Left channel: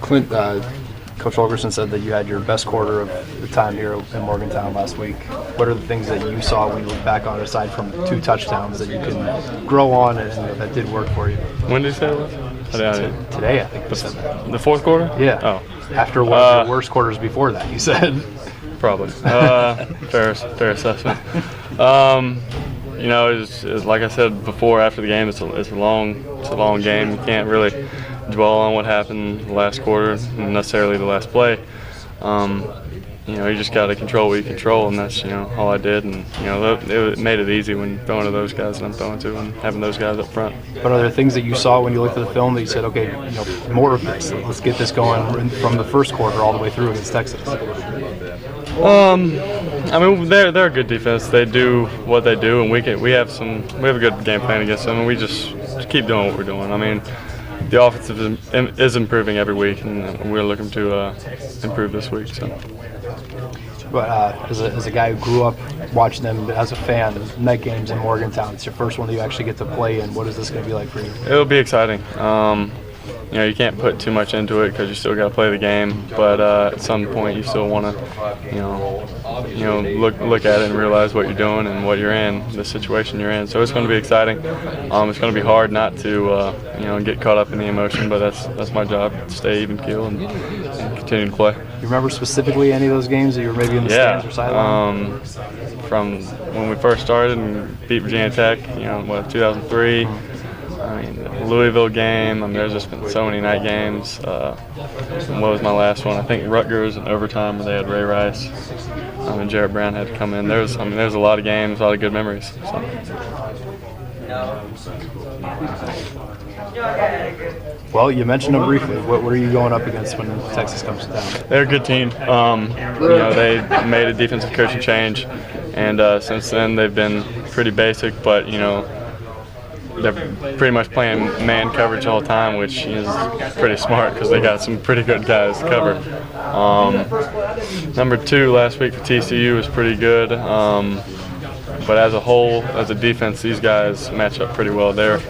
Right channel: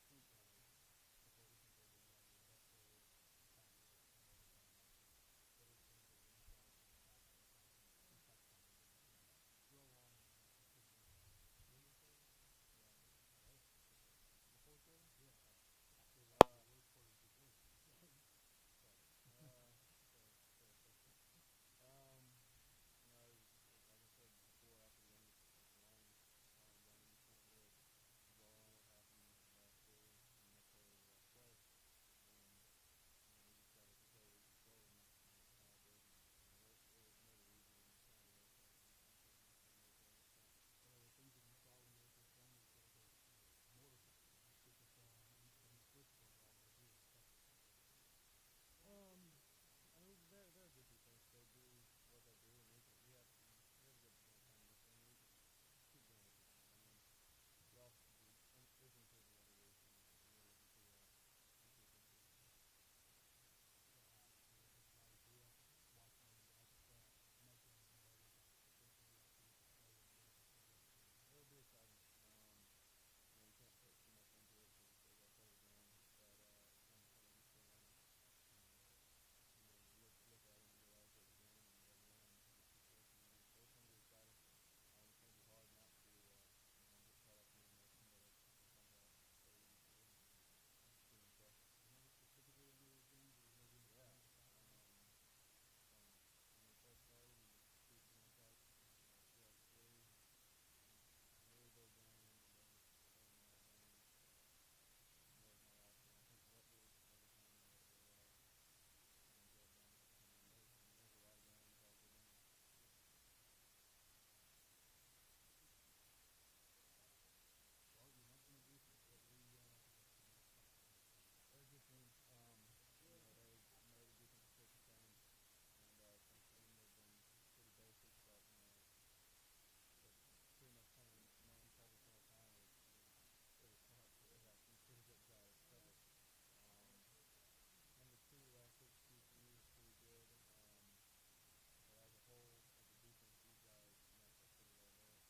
Clint, Coach Holgorsen said that you had your best quarter of the time here in Morgantown last week. What are the things that you saw when you look back on, aside from 2 touchdowns, that you can grow on and that did work for you? When did you say it was? Today, I think you said that. The fourth quarter? Yeah. Oh. After one of your worst quarters before that, you said. Probably. Fair assessment. You know, it's like I said before, after the game, it's a long game. You can't really dwell on what happened last quarter, necessarily the last play. You know, you just got to control what you control, and that's, you know, all I did. And, you know, it made it easy when throwing to those guys that I'm throwing to and having those guys up front. But are there things that you saw when you looked at the film that you said, okay, you know, more of this, let's get this going from the first quarter all the way through against Texas? I mean, they're a good defense. They do what they do, and we have a good game plan against them, and we just keep doing what we're doing. I mean, the offensive is improving every week, and we're looking to improve this week. So. But as a guy who grew up watching them as a fan, night games in Morgantown, it's your first one that you actually get to play in. What is this going to be like for you? It'll be exciting. You know, you can't put too much into it because you still got to play the game. But at some point, you still want to, you know, look at it and realize what you're doing and what you're in, the situation you're in. So it's going to be exciting. It's going to be hard not to, you know, get caught up in the emotion. But that's my job, to stay even keel and continue to play. You remember specifically any of those games that you were maybe in the stands or sideline? From when we first started and beat Virginia Tech, you know, 2003. I mean, the Louisville game. I mean, there's just been so many night games. And what was my last one? I think Rutgers in overtime where they had Ray Rice. And Jarrett Brown had to come in. There's a lot of games, a lot of good memories. So. Well, you mentioned them briefly. What are you going up against when Texas comes to town? They're a good team. You know, they made a defensive coaching change, and since then they've been pretty basic, but you know, they're pretty much playing man coverage all the time, which is pretty smart because they got some pretty good guys to cover. Number 2 last week for TCU was pretty good, but as a whole, as a defense, these guys match up pretty well. They're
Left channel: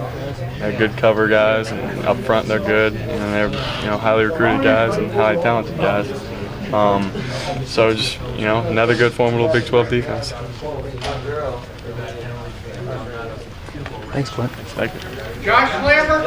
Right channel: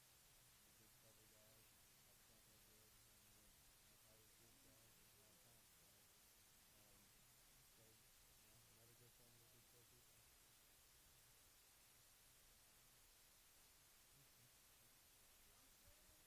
good cover guys, and up front they're good, and they're, you know, highly recruited guys and highly talented guys. So just, you know, another good formidable Big 12 defense. Thanks, Clint. Thank you. Josh Lambert.